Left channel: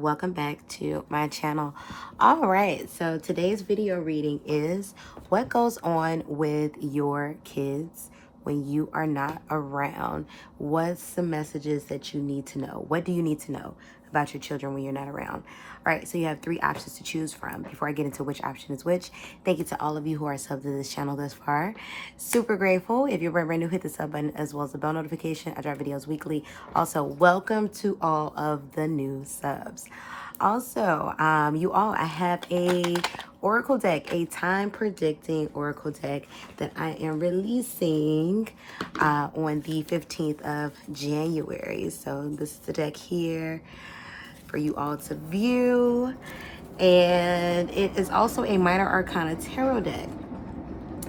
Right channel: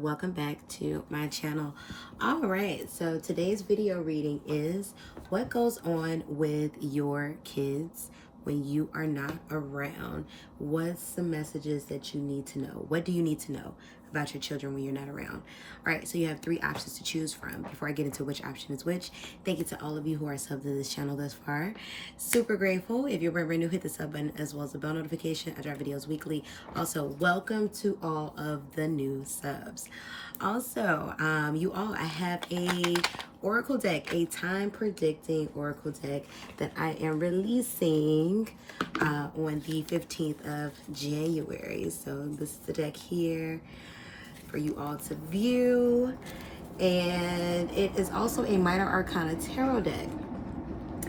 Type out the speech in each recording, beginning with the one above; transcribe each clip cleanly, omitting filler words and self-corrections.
welcome back to my channel. All right, so today's video reading is what goes on with your kids when you are not around. What's the messages that you need to know? What do you need to know about your children when you're not around? All right, so you have 3 options to choose from. Before I get into which option is which, thank you to all of you who are subbed to this channel thus far. Super grateful. If you're brand new, hit the sub button as well as the bell notification. I drop videos weekly. Also, welcome to all of the new subs. Also, you all, I have a oracle deck, a time predicting oracle deck that I am releasing on the 15th of January. So this is the deck here for you all to view. And it is also a minor arcana tarot deck.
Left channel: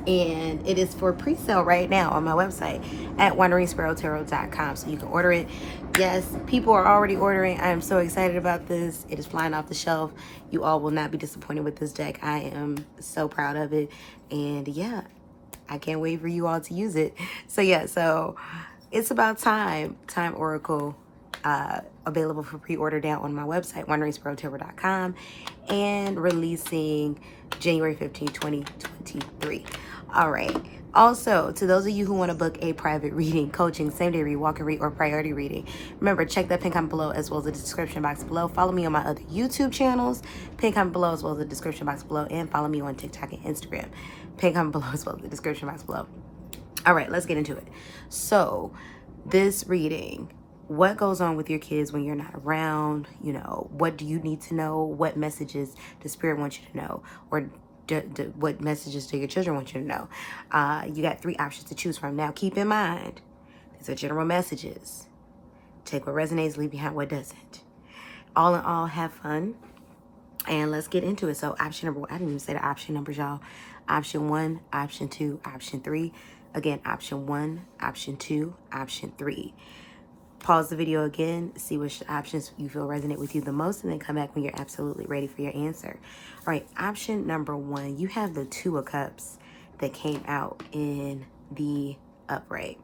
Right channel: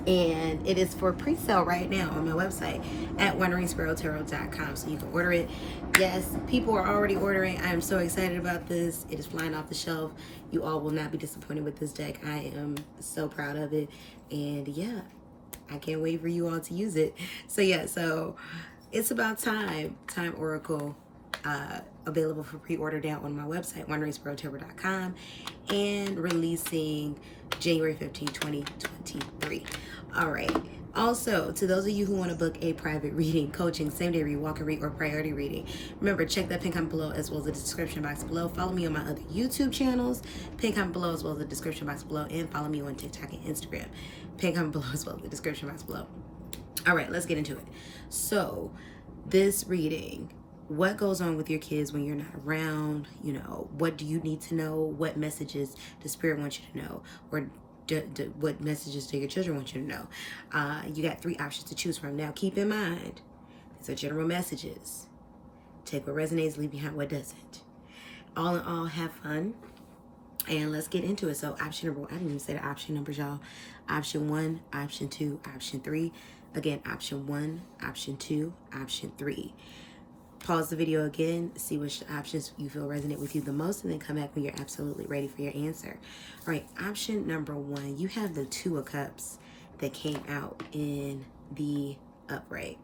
And it is for pre-sale right now on my website at wanderingsparrow.com, so you can order it. Yes, people are already ordering. I am so excited about this. It is flying off the shelf. You all will not be disappointed with this deck. I am so proud of it, and yeah, I can't wait for you all to use it. So yeah, so it's about time oracle, available for pre-order down on my website wanderingsparrow.com, and releasing January 15, 2023. All right. Also, to those of you who want to book a private reading, coaching, same-day read, walk and read, or priority reading, remember, check that pin comment below as well as the description box below. Follow me on my other YouTube channels, pin comment below as well as the description box below, and follow me on TikTok and Instagram, pin comment below as well as the description box below. All right, let's get into it. So, this reading, what goes on with your kids when you're not around? You know, what do you need to know? What messages does Spirit want you to know? Or what messages do your children want you to know? You got 3 options to choose from. Now, keep in mind, these are general messages. Take what resonates, leave behind what doesn't. All in all, have fun. And let's get into it. So option number 1, I didn't even say the option numbers, y'all. Option 1, option 2, option 3. Again, option 1, option 2, option 3. Pause the video again, see which options you feel resonate with you the most, and then come back when you're absolutely ready for your answer. All right, option number 1, you have the 2 of Cups that came out in the upright.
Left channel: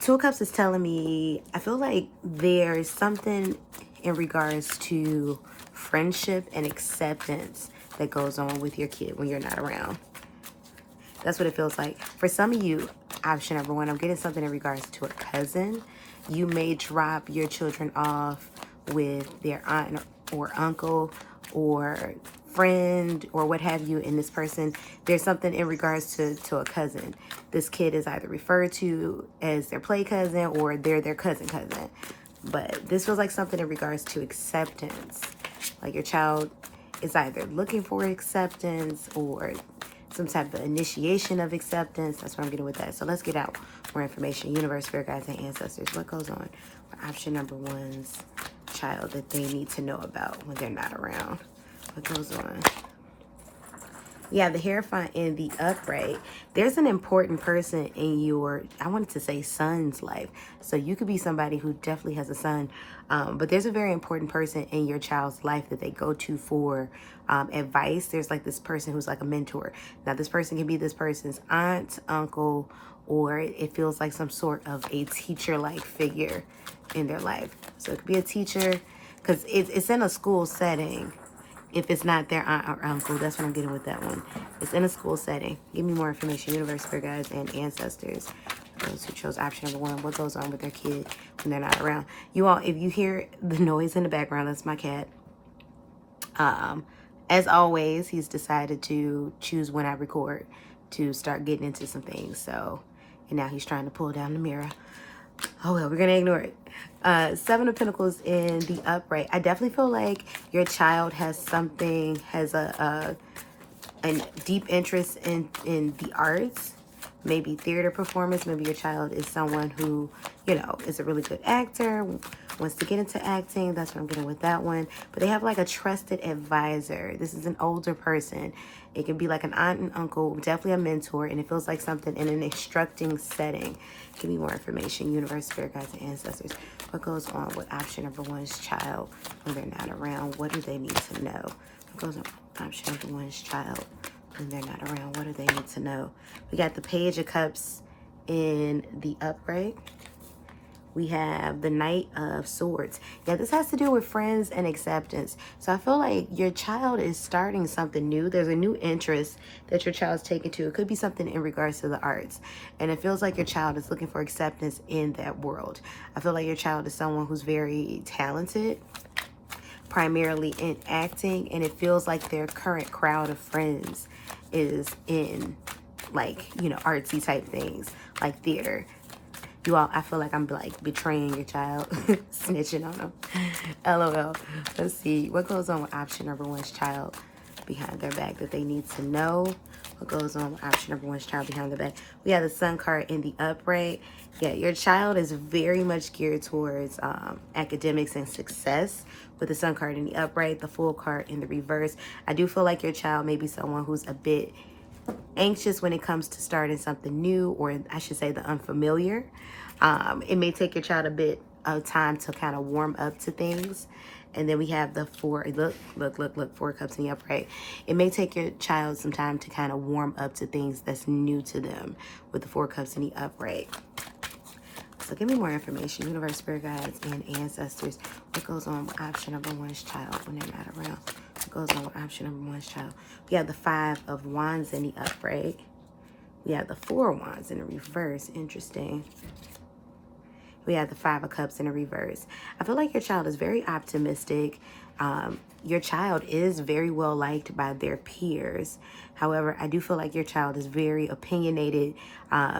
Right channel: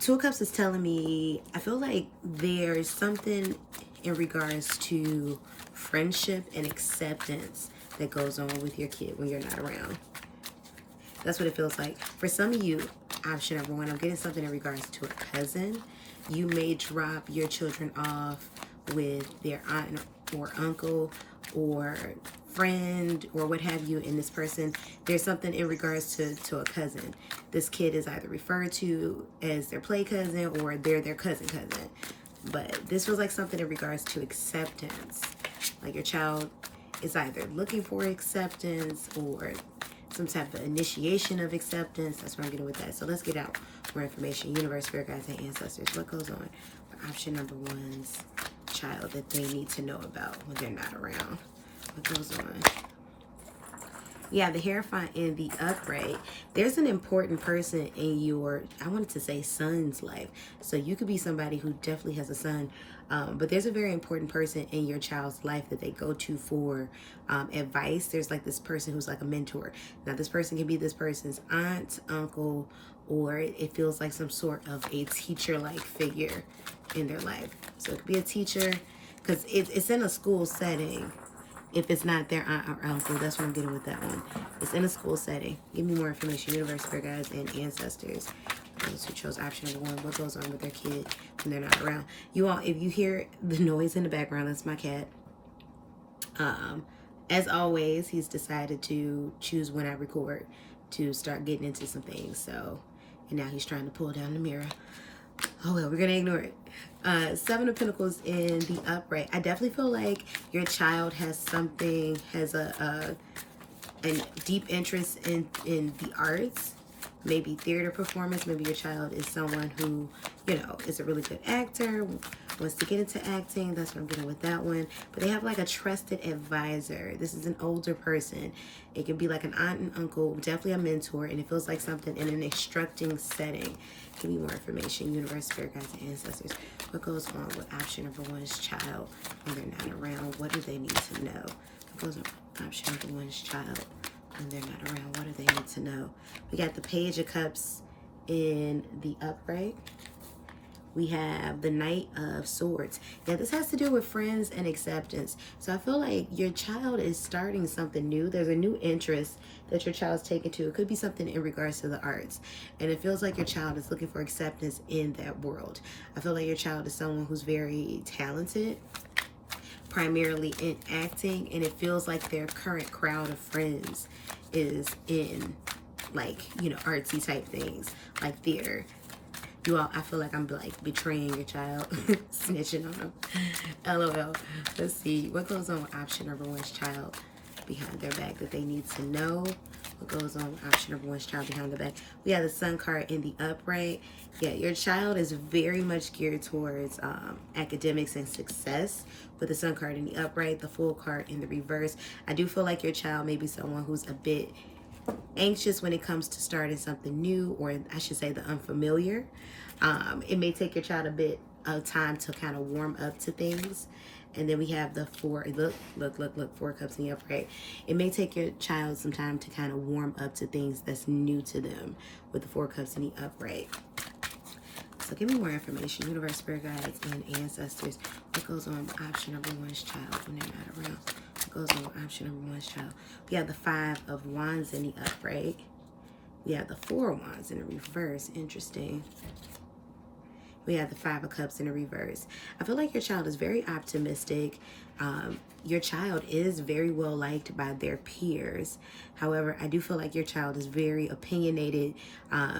2 of Cups is telling me, I feel like there's something in regards to friendship and acceptance that goes on with your kid when you're not around. That's what it feels like. For some of you, option number 1, I'm getting something in regards to a cousin. You may drop your children off with their aunt or uncle or friend or what have you, and this person, there's something in regards to a cousin. This kid is either referred to as their play cousin or they're their cousin. But this feels like something in regards to acceptance. Like your child is either looking for acceptance or some type of initiation of acceptance. That's what I'm getting with that. So let's get out more information. Universe, spirit guides, and ancestors. What goes on for option number 1's child that they need to know about when they're not around? What goes on? Yeah, the Hierophant in the upright. There's an important person in your, I wanted to say son's life. So you could be somebody who definitely has a son, but there's a very important person in your child's life that they go to for advice. There's like this person who's like a mentor. Now this person can be this person's aunt, uncle, or it feels like some sort of a teacher-like figure in their life. So it could be a teacher, because it's in a school setting. If it's not their aunt or uncle, that's what I'm getting with that one. It's in a school setting. Give me more information, universe, spirit guides, and ancestors. Those who chose option number 1, what goes on with their kid when they're not around? You all, if you hear the noise in the background, that's my cat. As always, he's decided to choose when I record to start getting into some things. So, and now he's trying to pull down the mirror. Oh well, we're gonna ignore it. 7 of Pentacles in the upright. I definitely feel like your child has something, has a deep interest in the arts, maybe theater performance. Maybe your child is someone who, you know, is a really good actor, wants to get into acting. That's what I'm getting with that one. But they have like a trusted advisor. This is an older person. It could be like an aunt and uncle, definitely a mentor, and it feels like something in an instructing setting. Give me more information, universe, spirit guides, and ancestors. What goes on with option number 1's child when they're not around? What do they need to know? What goes on with option number 1's child when they're not around? What do they need to know? We got the Page of Cups in the upright. We have the Knight of Swords. Yeah, this has to do with friends and acceptance. So I feel like your child is starting something new. There's a new interest that your child's taken to. It could be something in regards to the arts. And it feels like your child is looking for acceptance in that world. I feel like your child is someone who's very talented, primarily in acting. And it feels like their current crowd of friends is in, like, you know, artsy type things, like theater. You all, I feel like I'm like betraying your child, snitching on them. LOL. Let's see. What goes on with option number one's child behind their back that they need to know? What goes on with option number one's child behind their back? We have the Sun card in the upright. Yeah, your child is very much geared towards academics and success with the Sun card in the upright, the Fool card in the reverse. I do feel like your child may be someone who's a bit anxious when it comes to starting something new, or I should say the unfamiliar. It may take your child a bit of time to kind of warm up to things. And then we have the four, look, 4 cups in the upright. It may take your child some time to kind of warm up to things that's new to them with the 4 cups in the upright. So give me more information. Universe, spirit guides, and ancestors. What goes on with option number one's child when they're not around? What goes on with option number one's child? We have the 5 of Wands in the upright. We have the 4 of Wands in the reverse. Interesting. We have the 5 of Cups in the reverse. I feel like your child is very optimistic. Your child is very well liked by their peers. However, I do feel like your child is very opinionated.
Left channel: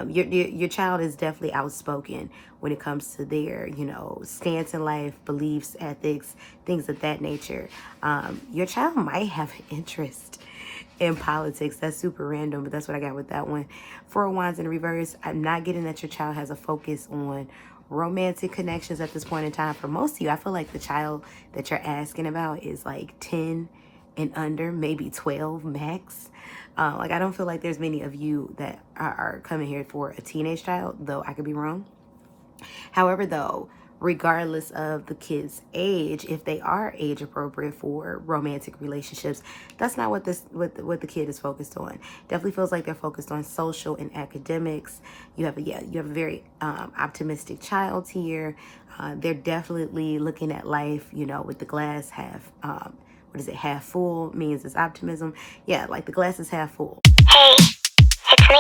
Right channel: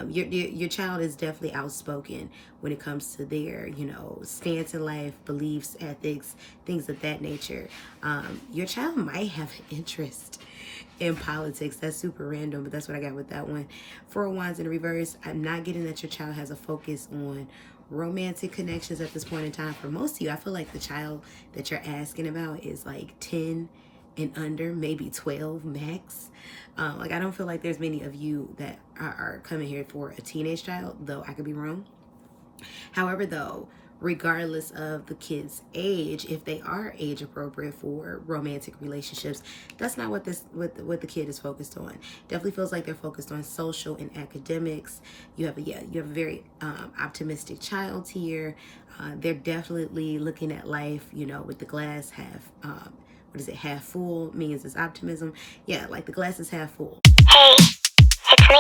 Your child is definitely outspoken when it comes to their, you know, stance in life, beliefs, ethics, things of that nature. Your child might have interest in politics. That's super random, but that's what I got with that one. 4 of Wands in the reverse. I'm not getting that your child has a focus on romantic connections at this point in time. For most of you, I feel like the child that you're asking about is like 10 and under, maybe 12 max. Like, I don't feel like there's many of you that are coming here for a teenage child, though I could be wrong. However, though, regardless of the kid's age, if they are age appropriate for romantic relationships, that's not what what the kid is focused on. Definitely feels like they're focused on social and academics. You have a very optimistic child here. They're definitely looking at life, you know, with the glass half, what is it, half full, means it's optimism. Yeah, like the glass is half full. Hey, it's me.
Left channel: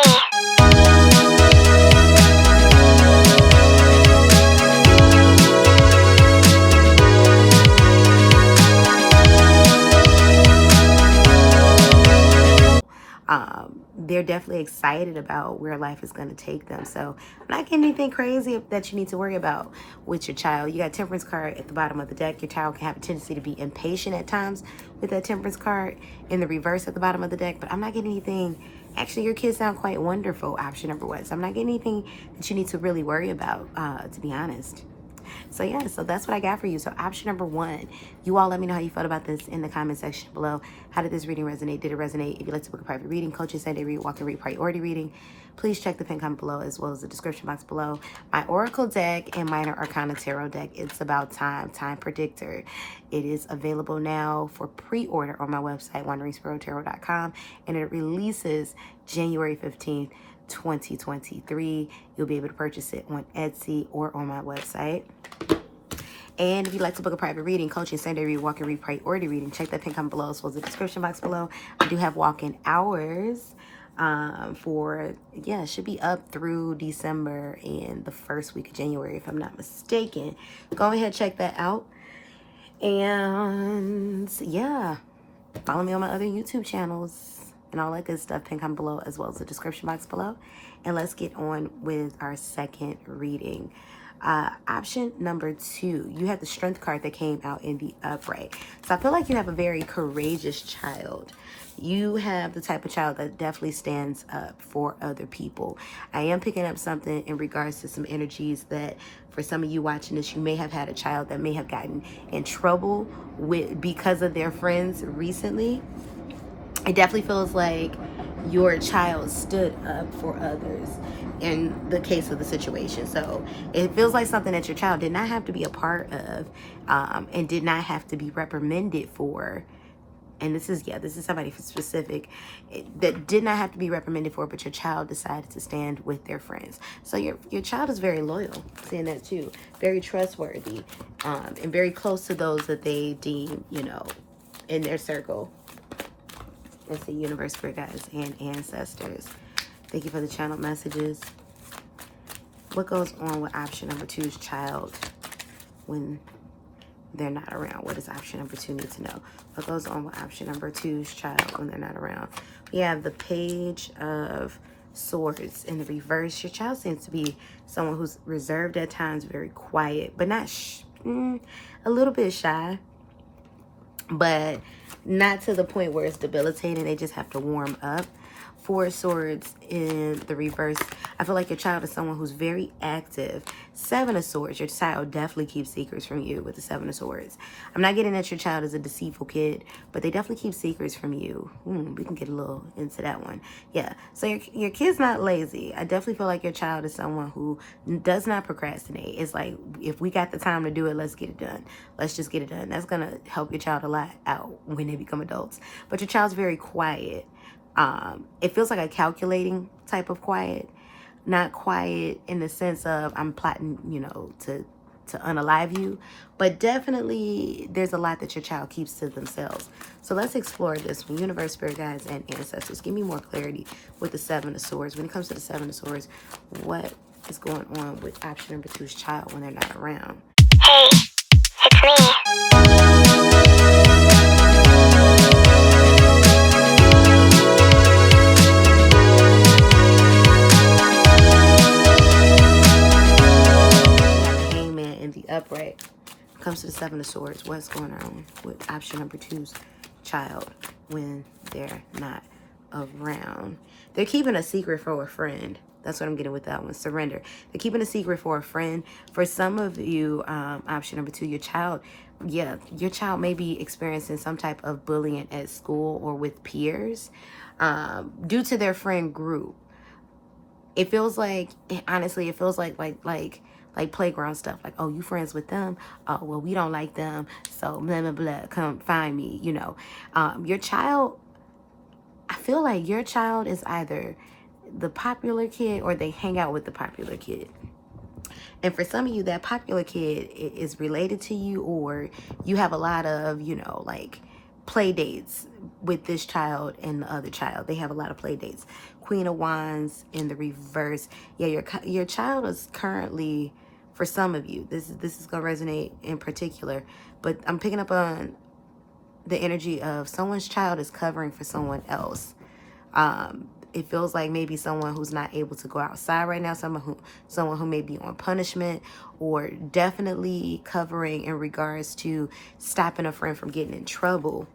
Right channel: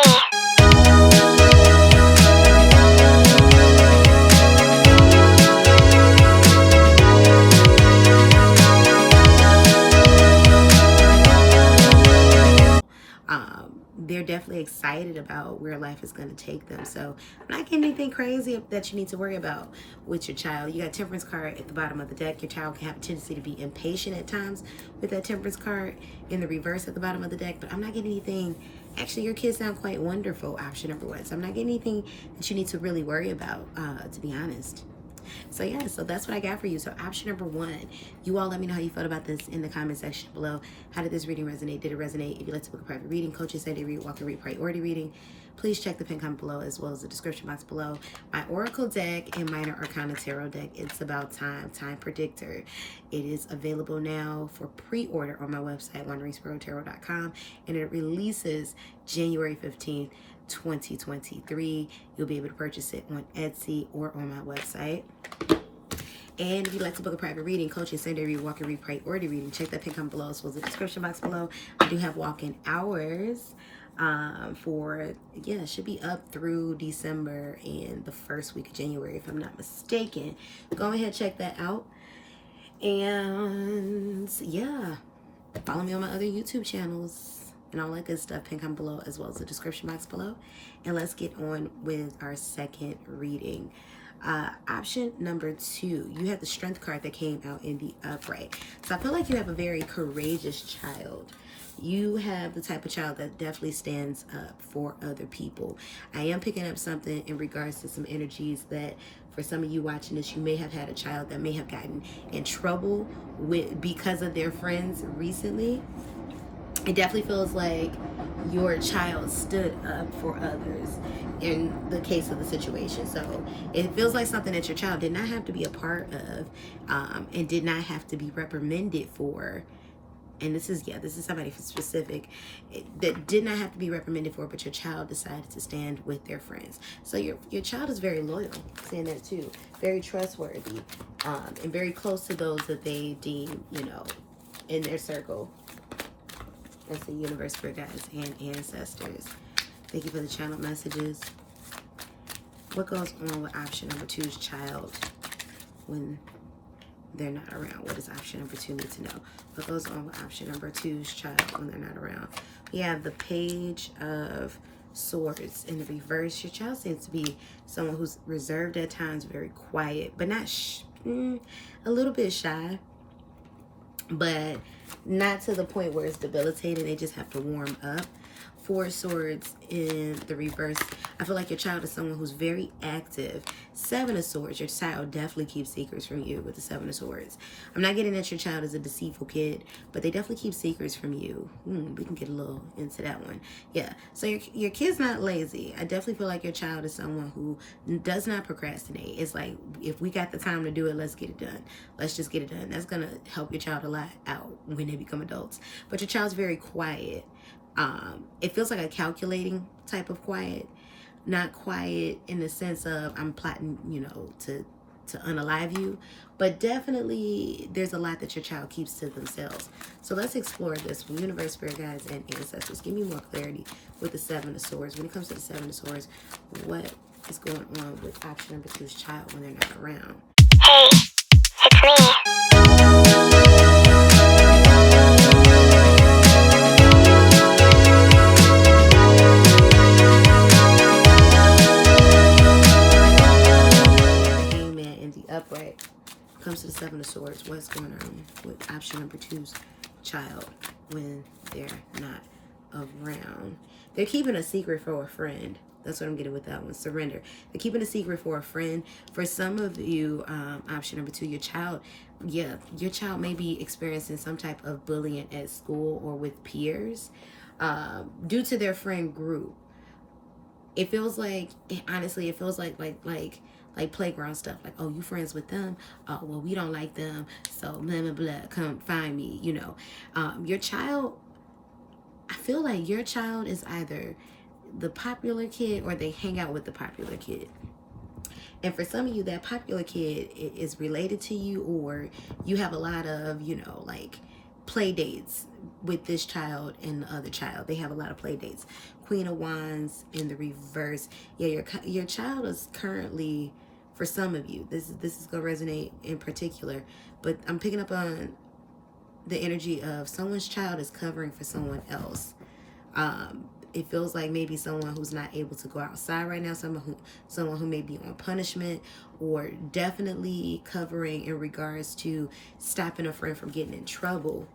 They're definitely excited about where life is going to take them. So I'm not getting anything crazy that you need to worry about with your child. You got Temperance card at the bottom of the deck. Your child can have a tendency to be impatient at times with that Temperance card in the reverse at the bottom of the deck. But I'm not getting anything. Actually, your kids sound quite wonderful, option number one. So I'm not getting anything that you need to really worry about, to be honest. So yeah, so that's what I got for you. So option number one, you all let me know how you felt about this in the comment section below. How did this reading resonate? Did it resonate? If you'd like to book a private reading, coaching, Sunday read, walk and read, priority reading, please check the pin comment below as well as the description box below. My Oracle deck and Minor Arcana Tarot deck, It's About Time, Time Predictor. It is available now for pre-order on my website, wanderingsparrow.com, and it releases January 15th, 2023. You'll be able to purchase it on Etsy or on my website. And if you'd like to book a private reading, coaching, Sunday read, walk and read, priority reading, check that pin comment below as well as the description box below. I do have walk-in hours for, yeah, it should be up through December and the first week of January, if I'm not mistaken. Go ahead, check that out. And yeah, follow me on my other YouTube channels and all that good stuff, pin comment below as well as the description box below. And let's get on with our second reading. Option number 2, you have the Strength card that came out in the upright. So I feel like you have a very courageous child. You have the type of child that definitely stands up for other people. I am picking up something in regards to some energies that for some of you watching this, you may have had a child that may have gotten in trouble because of their friends recently. It definitely feels like your child stood up for others in the case of the situation. So it feels like something that your child did not have to be a part of and did not have to be reprimanded for and this is somebody specific that did not have to be reprimanded for, but your child decided to stand with their friends. So your child is very loyal, seeing that too, very trustworthy, and very close to those that they deem, you know, in their circle. Let's see, universe, spirit guides, and ancestors. Thank you for the channel messages. What goes on with option number 2's child when they're not around? What does option number 2 need to know? What goes on with option number 2's child when they're not around? We have the Page of Swords in the reverse. Your child seems to be someone who's reserved at times, very quiet, but not a little bit shy, but not to the point where it's debilitating. They just have to warm up. 4 of Swords in the reverse. I feel like your child is someone who's very active. 7 of Swords. Your child definitely keeps secrets from you with the 7 of Swords. I'm not getting that your child is a deceitful kid, but they definitely keep secrets from you. We can get a little into that one. Yeah. So your kid's not lazy. I definitely feel like your child is someone who does not procrastinate. It's like, if we got the time to do it, let's get it done. Let's just get it done. That's going to help your child a lot out when they become adults. But your child's very quiet. It feels like a calculating type of quiet, not quiet in the sense of I'm plotting, you know, to unalive you, but definitely there's a lot that your child keeps to themselves. So let's explore this from universe, spirit guides, and ancestors. Give me more clarity with the 7 of Swords. When it comes to the 7 of Swords, what is going on with option number 2's child when they're not around? Hey, it's me. Upright. Comes to the 7 of Swords. What's going on with option number 2's child when they're not around? They're keeping a secret for a friend. That's what I'm getting with that one. Surrender. They're keeping a secret for a friend. For some of you, option number 2, your child may be experiencing some type of bullying at school or with peers due to their friend group. It feels like, honestly, it feels like playground stuff. Like, oh, you friends with them? Oh, well, we don't like them. So blah, blah, blah, come find me, you know. Your child, I feel like your child is either the popular kid or they hang out with the popular kid. And for some of you, that popular kid is related to you, or you have a lot of, you know, like play dates with this child and the other child. They have a lot of play dates. Queen of Wands in the reverse. Yeah, your child is currently, for some of you, this is gonna resonate in particular, but I'm picking up on the energy of someone's child is covering for someone else. It feels like maybe someone who's not able to go outside right now, someone who may be on punishment, or definitely covering in regards to stopping a friend from getting in trouble.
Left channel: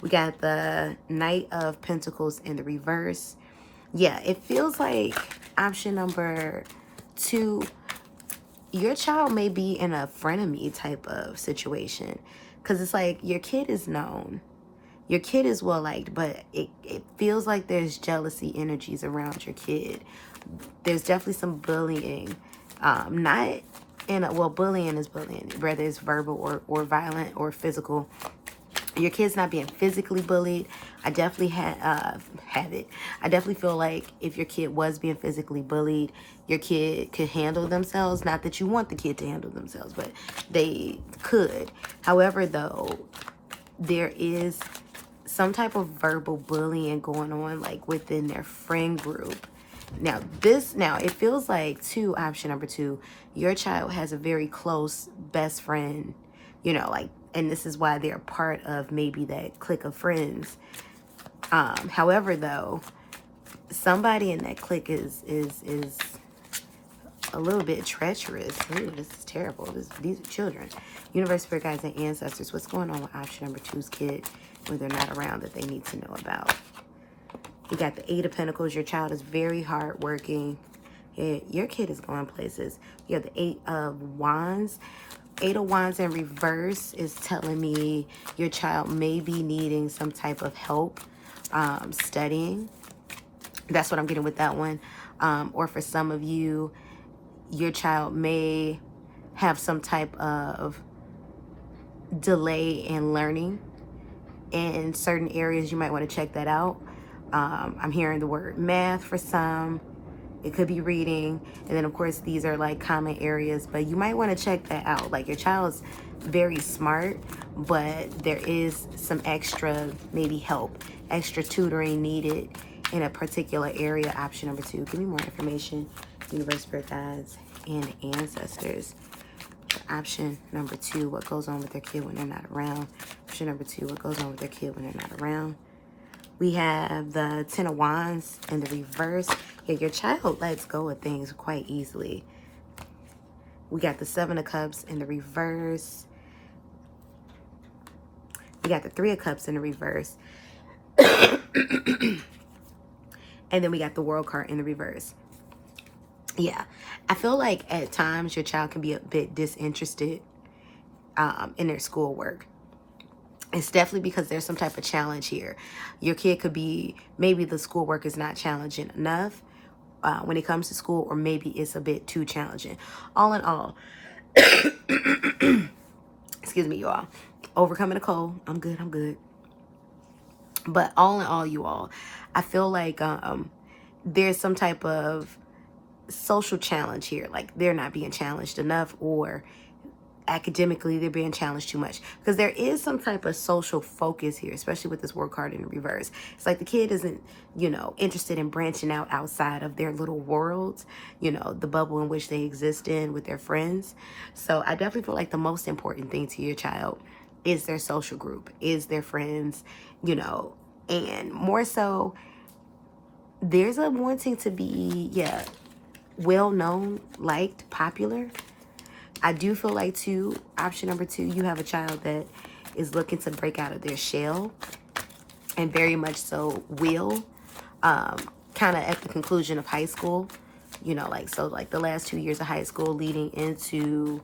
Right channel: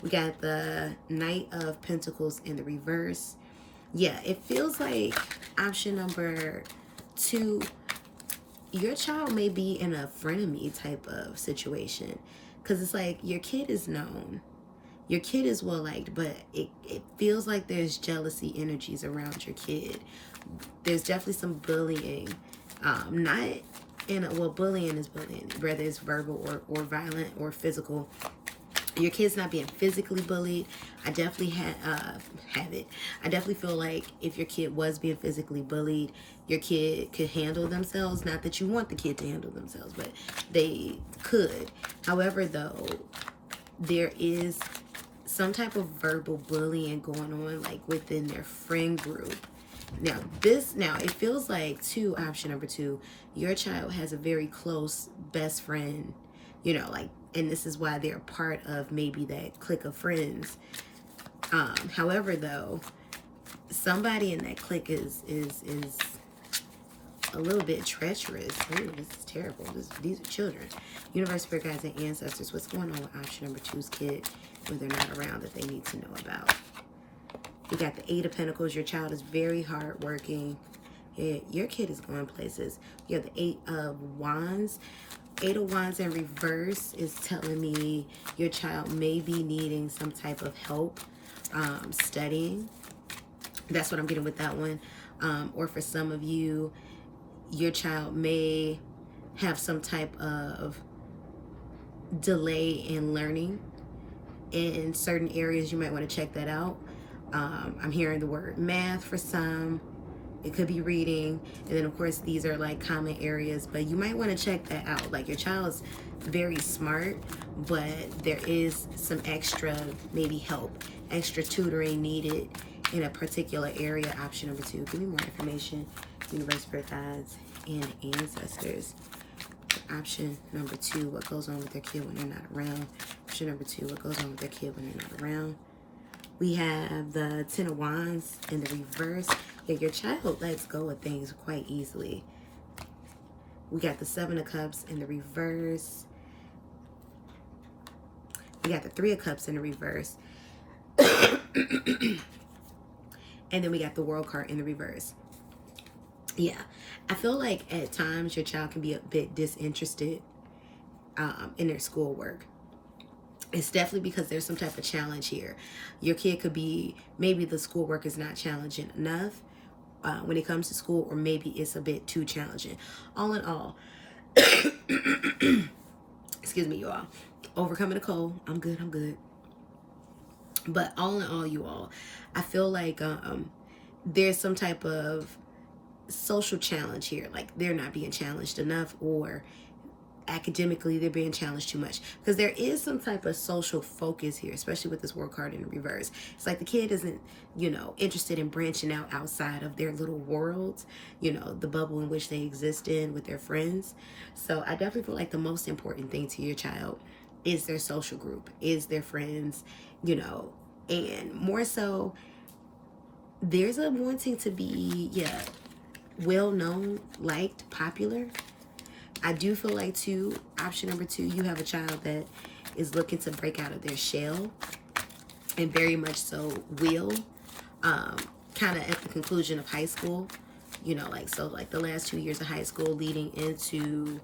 We got the Knight of Pentacles in the reverse. Yeah, it feels like option number 2, your child may be in a frenemy type of situation, because it's like your kid is known. Your kid is well liked, but it feels like there's jealousy energies around your kid. There's definitely some bullying. Not in a, well, bullying is bullying, whether it's verbal or violent or physical. Your kid's not being physically bullied. I definitely have it. I definitely feel like if your kid was being physically bullied, your kid could handle themselves. Not that you want the kid to handle themselves, but they could. However, though, there is some type of verbal bullying going on, like within their friend group. Now it feels like option number 2, your child has a very close best friend, you know, like, and this is why they're part of maybe that clique of friends. However, though, somebody in that clique is a little bit treacherous. Ooh, this is terrible. These are children. Universe, spirit guides, and ancestors. What's going on with option number 2's kid when they're not around that they need to know about? You got the 8 of Pentacles. Your child is very hardworking. Your kid is going places. You have the 8 of Wands. 8 of Wands in reverse is telling me your child may be needing some type of help studying. That's what I'm getting with that one. Or for some of you, your child may have some type of delay in learning. in certain areas, you might want to check that out. I'm hearing the word math for some. It could be reading. And then, of course, these are like common areas, but you might want to check that out. Like, your child's very smart, but there is some extra, maybe help, extra tutoring needed in a particular area. Option number 2. Give me more information. Universe, spirit guides, and ancestors. Option number 2. What goes on with their kid when they're not around? Option number 2. What goes on with their kid when they're not around? We have the Ten of Wands in the reverse. Yeah, your child lets go of things quite easily. We got the Seven of Cups in the reverse. We got the Three of Cups in the reverse. And then we got the World card in the reverse. Yeah, I feel like at times your child can be a bit disinterested in their schoolwork. It's definitely because there's some type of challenge here. Your kid could be, maybe the schoolwork is not challenging enough when it comes to school, or maybe it's a bit too challenging. All in all, excuse me, you all. Overcoming a cold. I'm good. But all in all, you all, I feel like there's some type of social challenge here. Like, they're not being challenged enough, or academically they're being challenged too much, because there is some type of social focus here, especially with this World card in reverse. It's like the kid isn't, interested in branching out outside of their little worlds, the bubble in which they exist in with their friends. So I definitely feel like the most important thing to your child is their social group, is their friends, and more so there's a wanting to be, well known, liked, popular. I do feel like, too, option number 2, you have a child that is looking to break out of their shell, and very much so will, kind of at the conclusion of high school, like the last 2 years of high school leading into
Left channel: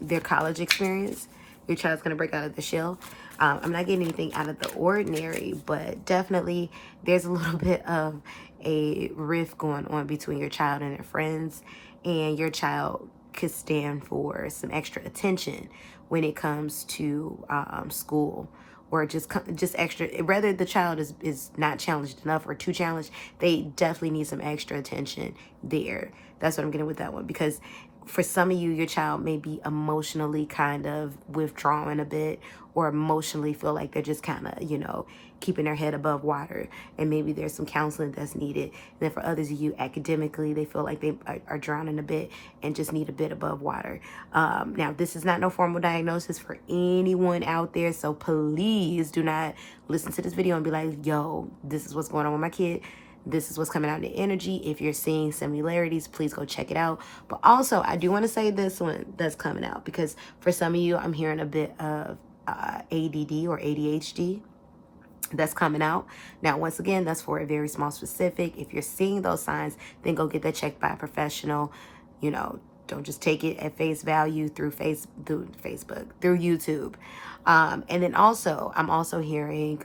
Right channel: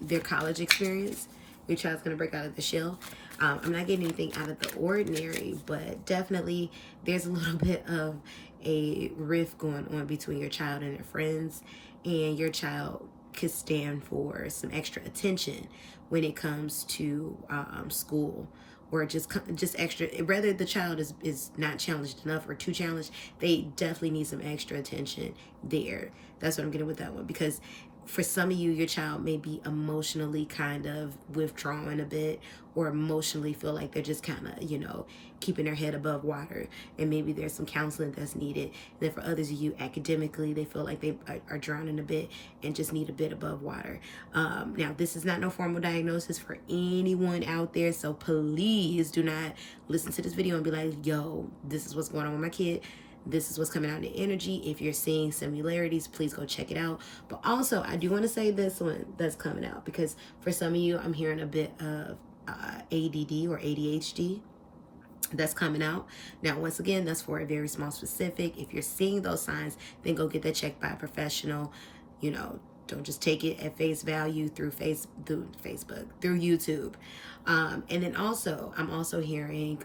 their college experience. Your child's going to break out of the shell. I'm not getting anything out of the ordinary, but definitely there's a little bit of a rift going on between your child and their friends, and your child could stand for some extra attention when it comes to school, or just extra. Whether the child is not challenged enough or too challenged, they definitely need some extra attention there. That's what I'm getting with that one, because for some of you, your child may be emotionally kind of withdrawing a bit, or emotionally feel like they're just kind of, keeping their head above water, and maybe there's some counseling that's needed. And then for others of you, academically, they feel like they are drowning a bit and just need a bit above water. Now, this is not no formal diagnosis for anyone out there, so please do not listen to this video and be like, yo, this is what's going on with my kid. This is what's coming out in the energy. If you're seeing similarities, please go check it out. But also, I do want to say this one that's coming out, because for some of you, I'm hearing a bit of ADD or ADHD that's coming out. Now, once again, that's for a very small specific. If you're seeing those signs, then go get that checked by a professional. Don't just take it at face value through Facebook, through YouTube. And then also, I'm also hearing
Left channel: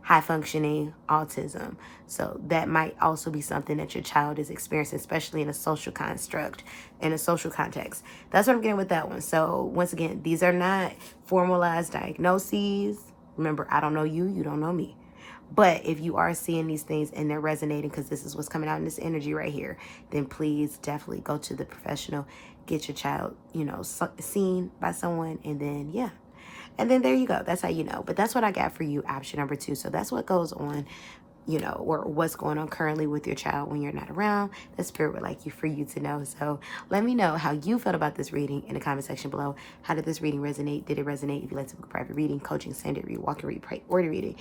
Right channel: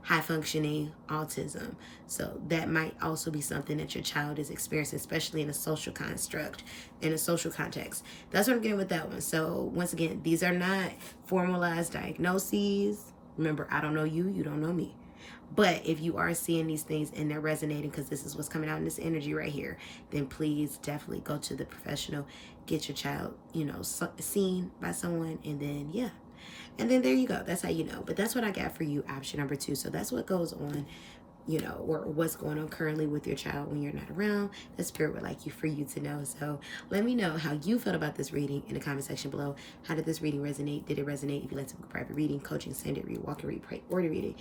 high functioning autism. So that might also be something that your child is experiencing, especially in a social construct, in a social context. That's what I'm getting with that one. So once again, these are not formalized diagnoses. Remember, I don't know you, you don't know me. But if you are seeing these things and they're resonating, because this is what's coming out in this energy right here, then please definitely go to the professional, get your child, seen by someone, and then, and then there you go. That's how you know. But that's what I got for you, option number 2. So that's what goes on, or what's going on currently with your child when you're not around. The spirit would like for you to know. So let me know how you felt about this reading in the comment section below. How did this reading resonate? Did it resonate? If you'd like to book a private reading, coaching, send it, read, walk and read, pray, order reading,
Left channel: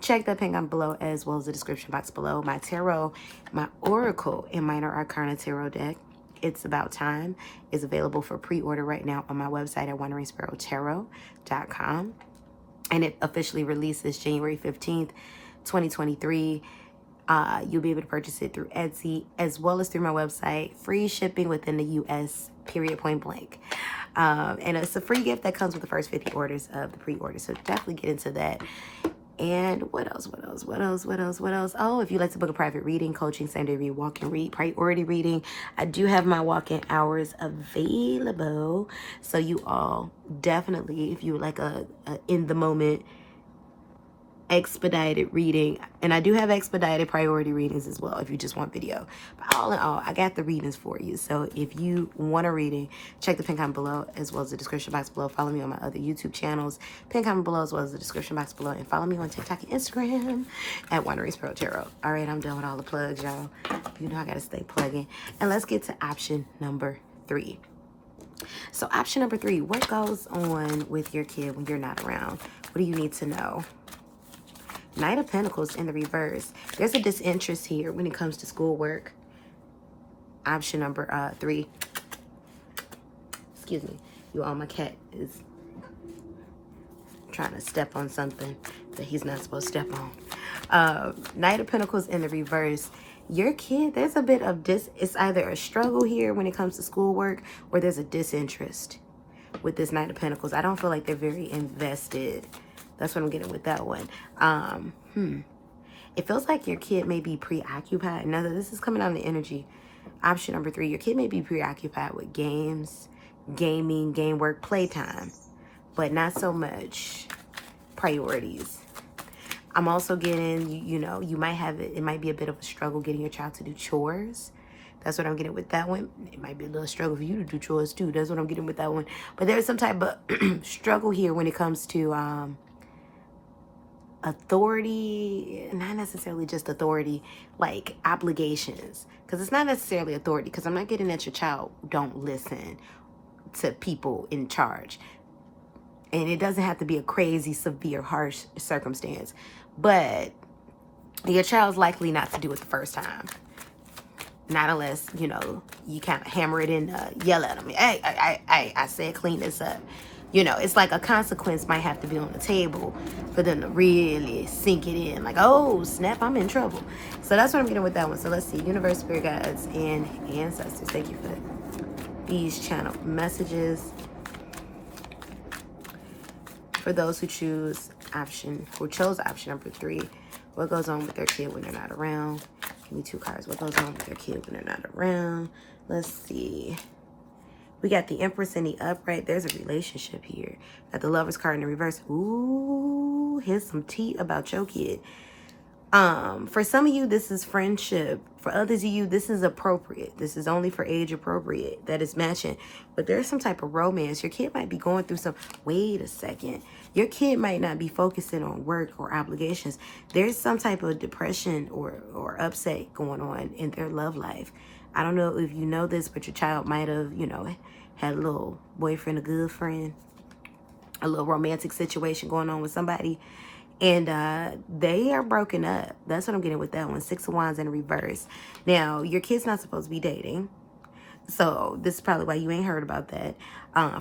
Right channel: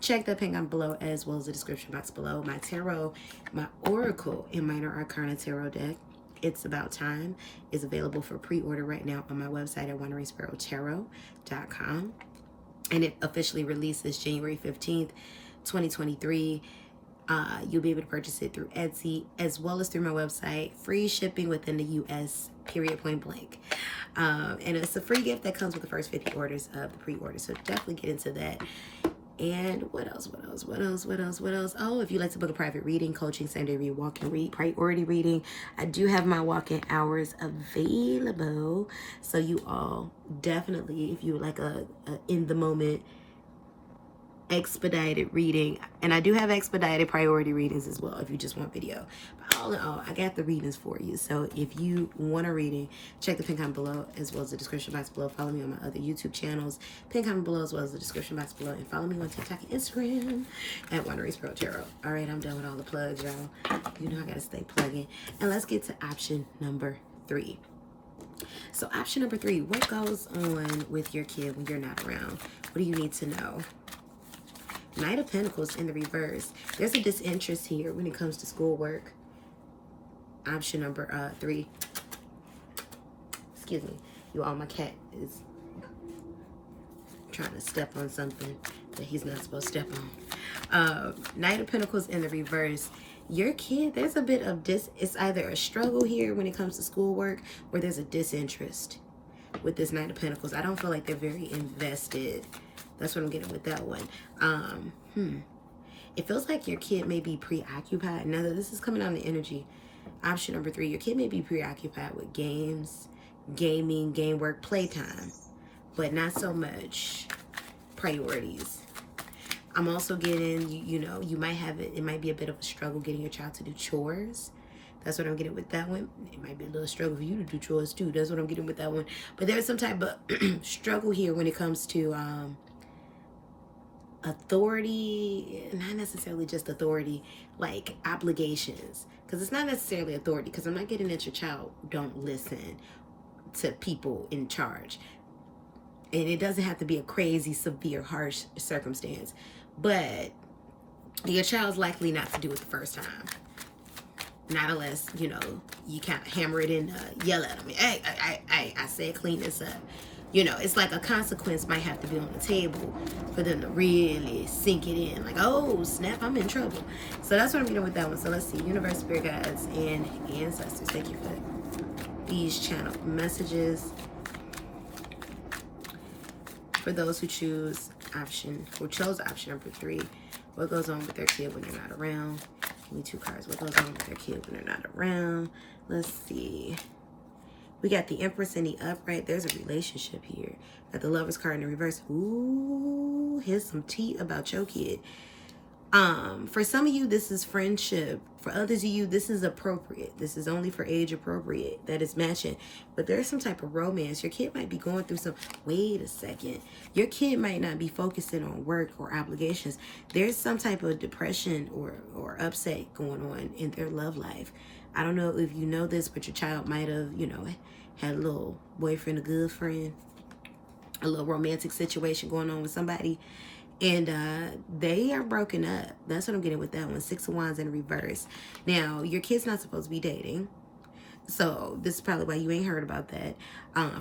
check that pin down below, as well as the description box below. My tarot, my oracle, and minor arcana tarot deck, It's About Time, is available for pre-order right now on my website at wanderingsparrow.com. And it officially releases January 15th, 2023. You'll be able to purchase it through Etsy, as well as through my website. Free shipping within the U.S., period, point blank. And it's a free gift that comes with the first 50 orders of the pre-order. So definitely get into that. And what else? Oh, if you'd like to book a private reading, coaching, Sunday read, walk and read, priority reading, I do have my walk-in hours available. So you all definitely, if you would like a in the moment expedited reading, and I do have expedited priority readings as well if you just want video. But all in all, I got the readings for you. So if you want a reading, check the pin comment below as well as the description box below. Follow me on my other YouTube channels, pin comment below as well as the description box below, and follow me on TikTok and Instagram at wanderingsparrow tarot. All right, I'm done with all the plugs, y'all. You know I gotta stay plugging, and let's get to option number 3. So option number 3, what goes on with your kid when you're not around? What do you need to know? Knight of Pentacles in the reverse. There's a disinterest here when it comes to schoolwork. Option number 3. Excuse me. You all, my cat is trying to step on something that he's not supposed to step on. Knight of Pentacles in the reverse. Your kid, there's a bit of it's either a struggle here when it comes to schoolwork, or there's a disinterest with this Knight of Pentacles. I don't feel like they're very invested. That's what I'm getting with that one. It feels like your kid may be preoccupied. Now, this is coming out of the energy. Option number 3, your kid may be preoccupied with games, gaming, game work, playtime, but not so much priorities. I'm also getting, you know, you might have it might be a bit of a struggle getting your child to do chores. That's what I'm getting with that one. It might be a little struggle for you to do chores too. That's what I'm getting with that one. But there's some type of struggle here when it comes to authority, not necessarily just authority, like obligations. Because it's not necessarily authority, because I'm not getting that your child don't listen to people in charge. And it doesn't have to be a crazy, severe, harsh circumstance. But your child's likely not to do it the first time. Not unless, you know, you kind of hammer it in, yell at them. Hey, I said clean this up. You know, it's like a consequence might have to be on the table for them to really sink it in. Like, oh, snap, I'm in trouble. So that's what I'm getting with that one. So let's see. Universe, spirit guides, and ancestors. Thank you for these channel messages. For those who chose option number 3, what goes on with their kid when they're not around? Give me 2 cards. What goes on with their kid when they're not around? Let's see. We got the Empress in the upright. There's a relationship here. Got the Lover's card in the reverse. Ooh, here's some tea about your kid. For some of you, this is friendship. For others of you, this is appropriate. This is only for age appropriate. That is matching. But there's some type of romance. Your kid might be going through some... Wait a second. Your kid might not be focusing on work or obligations. There's some type of depression or upset going on in their love life. I don't know if you know this, but your child might have, you know, had a little boyfriend, a good friend, a little romantic situation going on with somebody. And they are broken up. That's what I'm getting with that one. 6 of Wands in reverse. Now, your kid's not supposed to be dating. So this is probably why you ain't heard about that.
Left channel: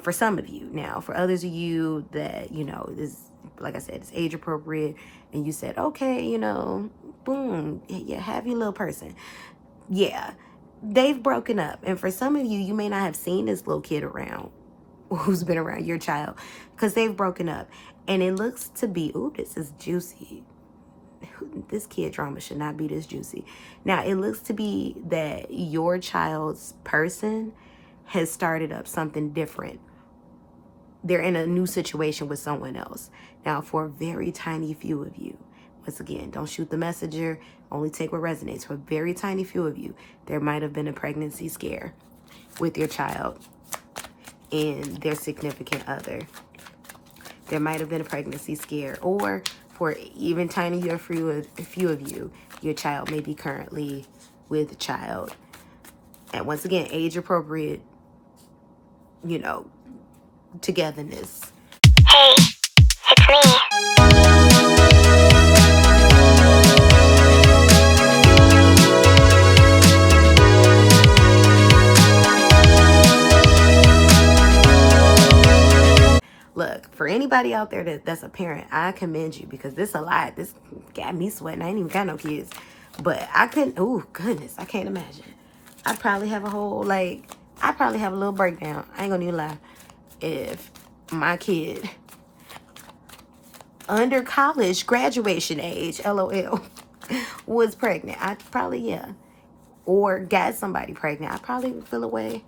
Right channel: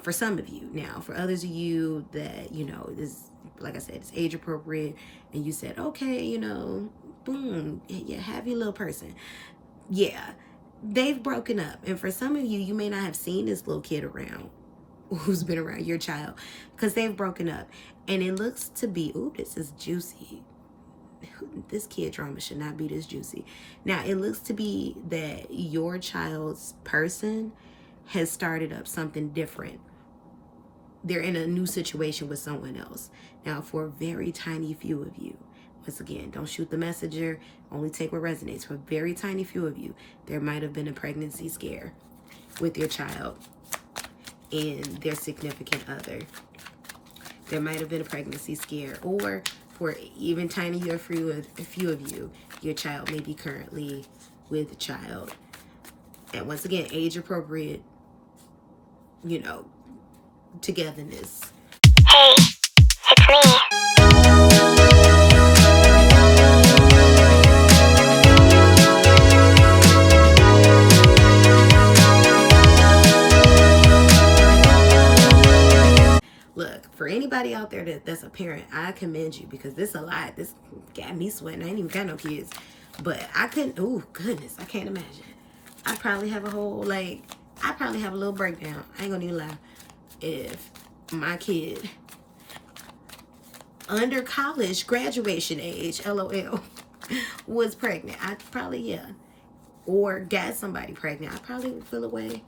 For some of you. Now, for others of you that, you know, this, like I said, it's age appropriate. And you said, okay, you know, boom, yeah, have your little person. Yeah, they've broken up. And for some of you, you may not have seen this little kid around who's been around your child because they've broken up. And it looks to be, ooh, this is juicy. This kid drama should not be this juicy. Now, it looks to be that your child's person has started up something different. They're in a new situation with someone else. Now, for a very tiny few of you, once again, don't shoot the messenger. Only take what resonates. For a very tiny few of you, there might have been a pregnancy scare with your child and their significant other. There might have been a pregnancy scare, or for even tinier few of you, your child may be currently with a child. And once again, age appropriate, you know, togetherness. Hey, it's me. Look, for anybody out there that's a parent, I commend you, because this a lot. This got me sweating. I ain't even got no kids. But I couldn't, oh goodness, I can't imagine. I'd probably have a whole, like, I'd probably have a little breakdown. I ain't gonna even lie. If my kid, under college graduation age, LOL, was pregnant, I'd probably, yeah. Or got somebody pregnant, I'd probably feel away.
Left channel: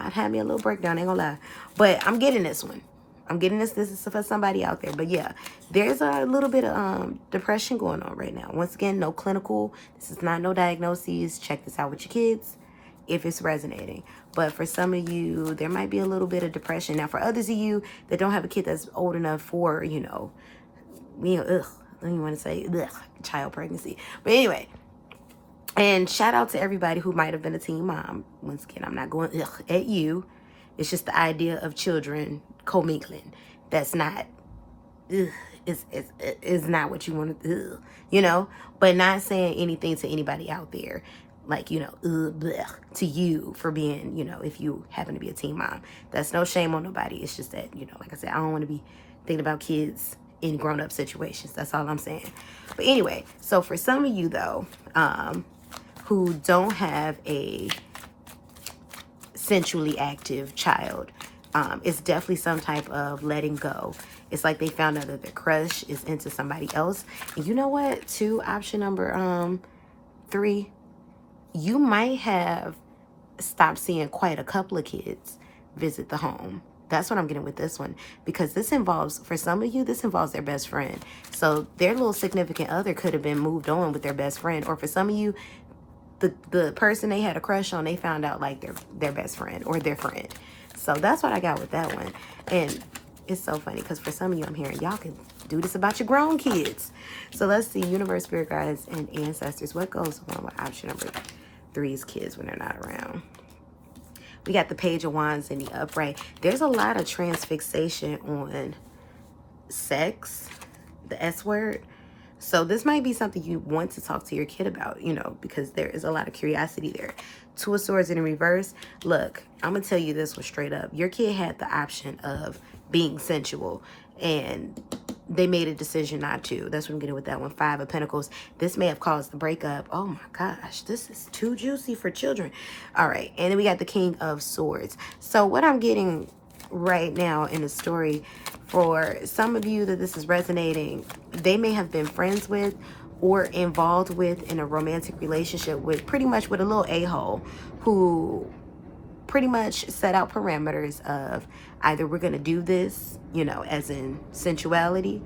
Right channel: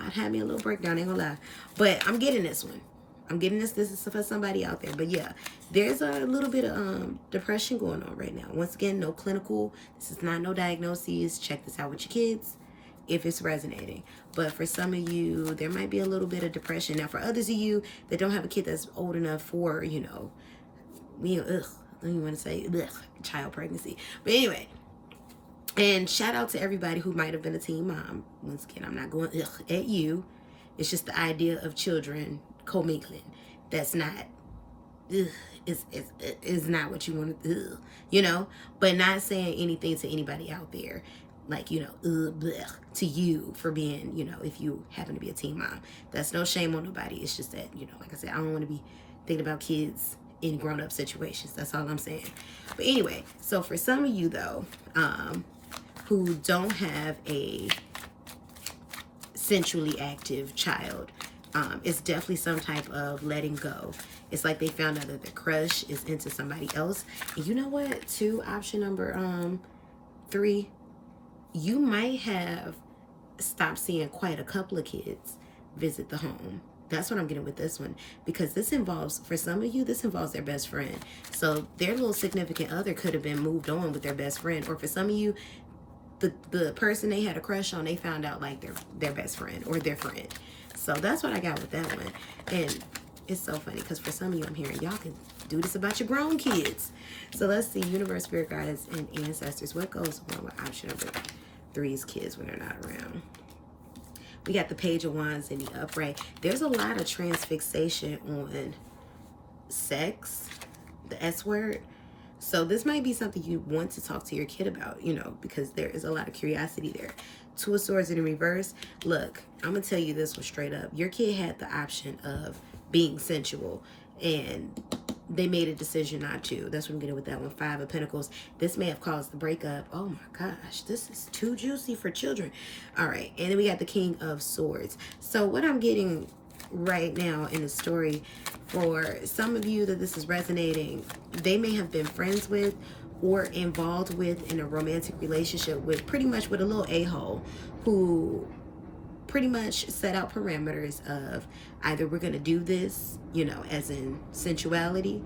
I'd have me a little breakdown, ain't gonna lie. But I'm getting this one. I'm getting this is for somebody out there. But yeah, there's a little bit of depression going on right now. Once again, no clinical. This is not no diagnoses. Check this out with your kids if it's resonating. But for some of you, there might be a little bit of depression. Now, for others of you that don't have a kid that's old enough for, you know, I don't even want to say child pregnancy. But anyway, and shout out to everybody who might have been a teen mom. Once again, I'm not going at you. It's just the idea of children commingling. That's not, is not what you want to, you know? But not saying anything to anybody out there. Like, you know, to you for being, you know, if you happen to be a teen mom. That's no shame on nobody. It's just that, you know, like I said, I don't want to be thinking about kids in grown-up situations. That's all I'm saying. But anyway, so for some of you, though, who don't have a sensually active child, it's definitely some type of letting go. It's like they found out that their crush is into somebody else. And you know what? To option number 3, you might have stopped seeing quite a couple of kids visit the home. That's what I'm getting with this one. Because this involves, for some of you, this involves their best friend. So their little significant other could have been moved on with their best friend. Or for some of you, the person they had a crush on, they found out like their best friend or their friend. So that's what I got with that one. And it's so funny because for some of you, I'm hearing y'all can do this about your grown kids. So let's see, universe, spirit guides, and ancestors. What goes on with option number 3's kids when they're not around? We got the Page of Wands in the upright. There's a lot of transfixation on sex, the S word. So this might be something you want to talk to your kid about, you know, because there is a lot of curiosity there. 2 of Swords in reverse. Look, I'm going to tell you this one straight up. Your kid had the option of being sensual, and they made a decision not to. That's what I'm getting with that one. 5 of Pentacles. This may have caused the breakup. Oh my gosh, this is too juicy for children. All right, and then we got the King of Swords. So what I'm getting right now in the story, for some of you that this is resonating, they may have been friends with or involved with in a romantic relationship with pretty much with a little a-hole who pretty much set out parameters of either we're going to do this, you know, as in sensuality,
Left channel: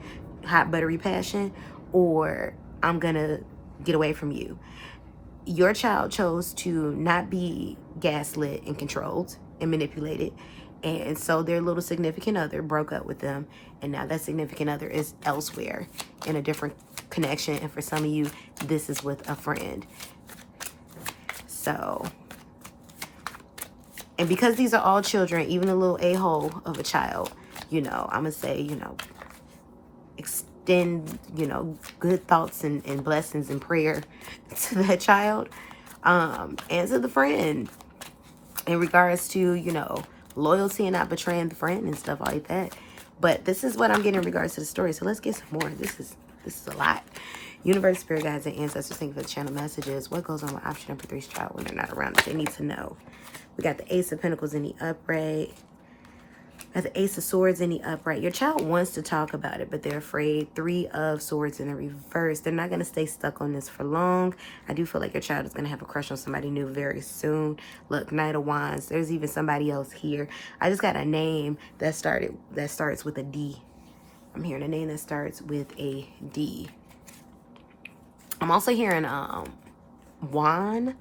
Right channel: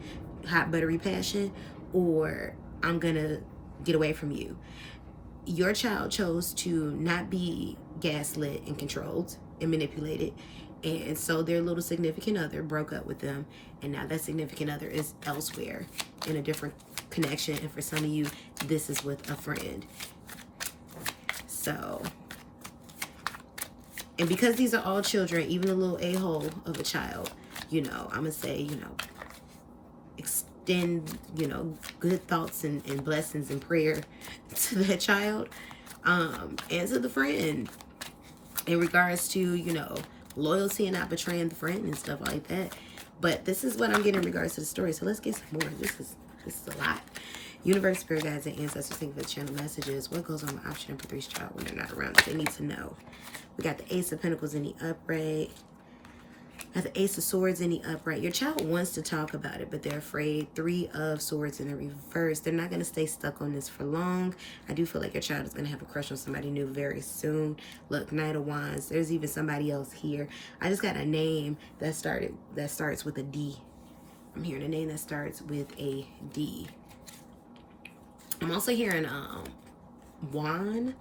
hot buttery passion, or I'm going to get away from you. Your child chose to not be gaslit and controlled and manipulated. And so their little significant other broke up with them. And now that significant other is elsewhere in a different connection. And for some of you, this is with a friend. So, and because these are all children, even a little a-hole of a child, you know, I'm going to say, you know, extend, you know, good thoughts and blessings and prayer to that child. And to the friend in regards to, you know, loyalty and not betraying the friend and stuff like that. But this is what I'm getting in regards to the story. So let's get some more. This is a lot. Universe, spirit guides, and ancestors, thank you for the channel messages. What goes on with option number 3's child when they're not around that they need to know? We got the Ace of Pentacles in the upright. Got the Ace of Swords in the upright. Your child wants to talk about it, but they're afraid. 3 of Swords in the reverse. They're not going to stay stuck on this for long. I do feel like your child is going to have a crush on somebody new very soon. Look, Knight of Wands. There's even somebody else here. I just got a name that starts with a D. I'm hearing a name that starts with a D. I'm also hearing Juan,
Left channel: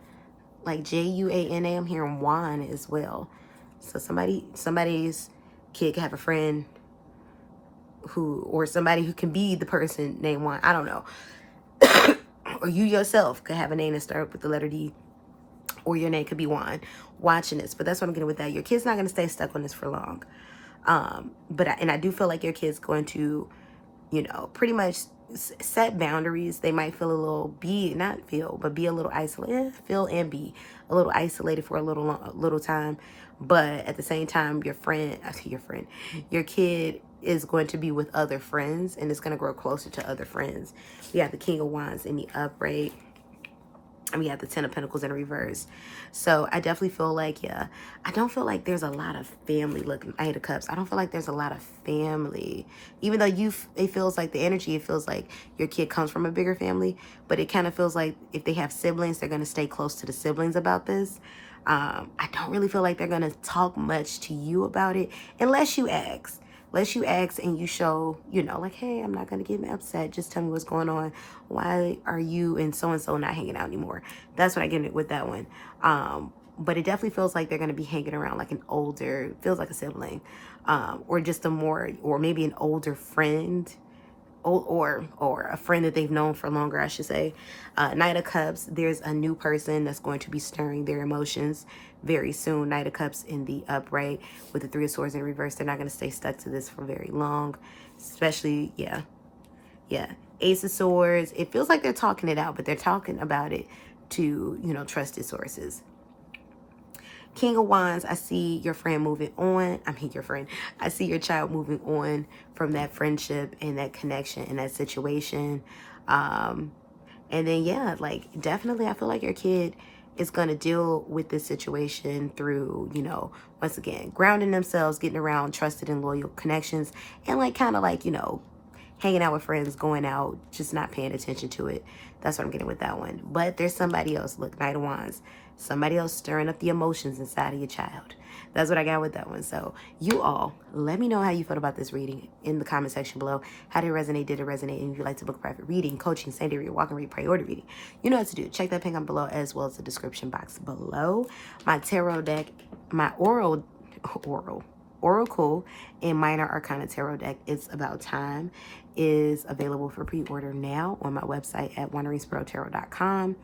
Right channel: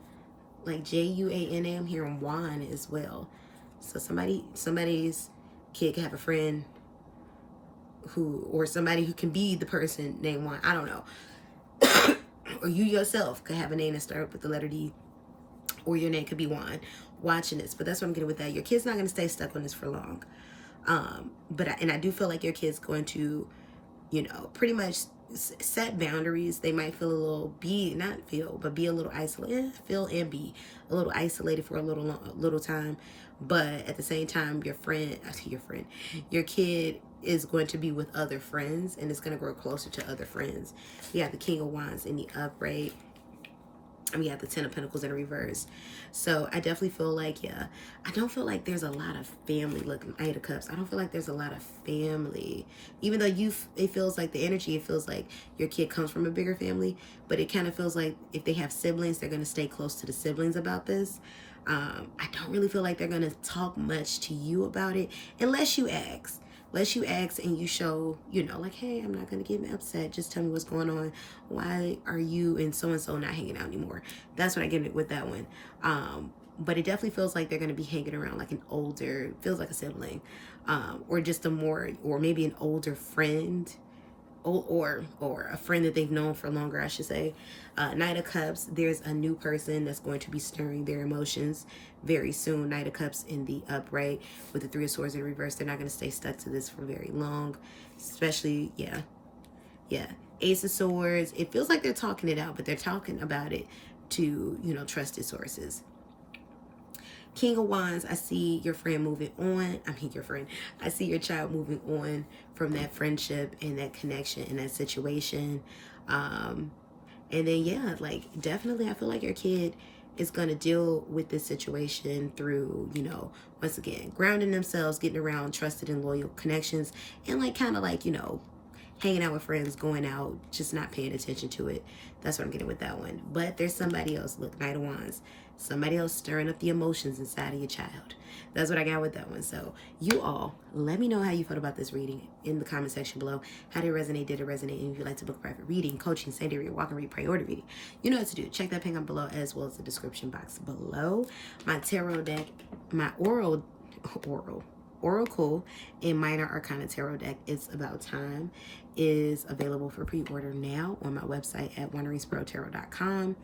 like Juana. I'm hearing Juan as well. So somebody's kid could have a friend who, or somebody who can be the person named Juan. I don't know. Or you yourself could have a name that starts with the letter D, or your name could be Juan watching this. But that's what I'm getting with that. Your kid's not going to stay stuck on this for long. But I do feel like your kid's going to, you know, pretty much set boundaries. They might feel a little, be a little isolated, feel and be a little isolated for a little time. But at the same time, your kid is going to be with other friends, and it's going to grow closer to other friends. We have the King of Wands in the upright, and we have the 10 of Pentacles in reverse. So I definitely feel like, yeah, I don't feel like there's a lot of family. Look, Knight of Cups. I don't feel like there's a lot of family. Even though it feels like the energy, it feels like your kid comes from a bigger family. But it kind of feels like if they have siblings, they're going to stay close to the siblings about this. I don't really feel like they're going to talk much to you about it unless you ask. Unless you ask and you show, you know, like, hey, I'm not going to get upset. Just tell me what's going on. Why are you and so not hanging out anymore? That's what I get with that one. But it definitely feels like they're going to be hanging around like an older, feels like a sibling, or just a more, or maybe an older friend, or a friend that they've known for longer, I should say. Knight of Cups, there's a new person that's going to be stirring their emotions very soon. Knight of Cups in the upright with the Three of Swords in reverse. They're not going to stay stuck to this for very long, especially, yeah. Ace of Swords, it feels like they're talking it out, but they're talking about it to, you know, trusted sources. King of Wands, I see your friend moving on. I mean, your friend. I see your child moving on from that friendship and that connection and that situation. And then, yeah, like, definitely, I feel like your kid is going to deal with this situation through, you know, once again, grounding themselves, getting around trusted and loyal connections, and, like, kind of like, you know, hanging out with friends, going out, just not paying attention to it. That's what I'm getting with that one. But there's somebody else. Look, Knight of Wands. Somebody else stirring up the emotions inside of your child. That's what I got with that one. So you all, let me know how you felt about this reading in the comment section below. How did it resonate? Did it resonate? And if you'd like to book a private reading, coaching, same day read, walk and read, priority reading, you know what to do. Check that pin comment below as well as the description box below. My tarot deck, my Oracle and Minor Arcana Tarot deck, It's About Time, is available for pre-order now on my website at wanderingsparrow.com.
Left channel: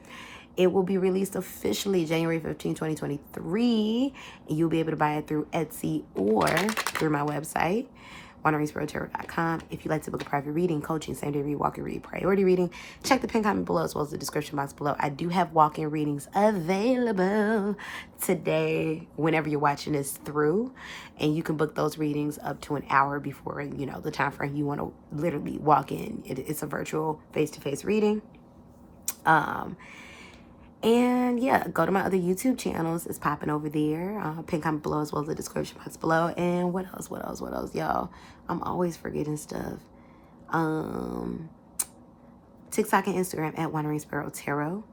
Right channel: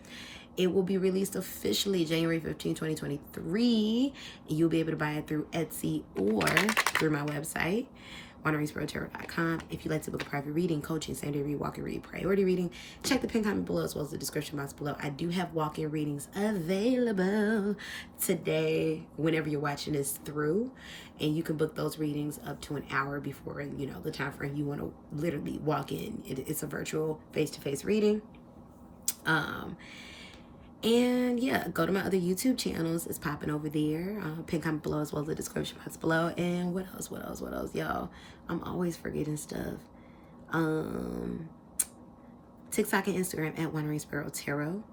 It will be released officially January 15, 2023. And you'll be able to buy it through Etsy or through my website, wanderingsparrow.com. If you'd like to book a private reading, coaching, same day read, walk and read, priority reading, check the pin comment below as well as the description box below. I do have walk-in readings available today whenever you're watching this through. And you can book those readings up to an hour before, you know, the time frame you want to literally walk in. It's a virtual face-to-face reading. And yeah, go to my other YouTube channels. It's popping over there. Pin comment below as well as the description box below. And what else, y'all? I'm always forgetting stuff. TikTok and Instagram at wanderingsparrow tarot.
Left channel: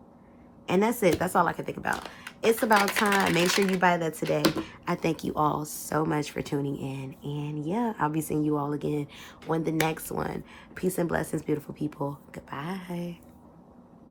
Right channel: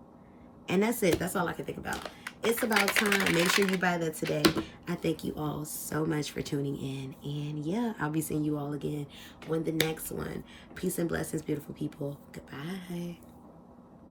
And that's it. That's all I can think about. It's about time. Make sure you buy that today. I thank you all so much for tuning in. And yeah, I'll be seeing you all again on the next one. Peace and blessings, beautiful people. Goodbye.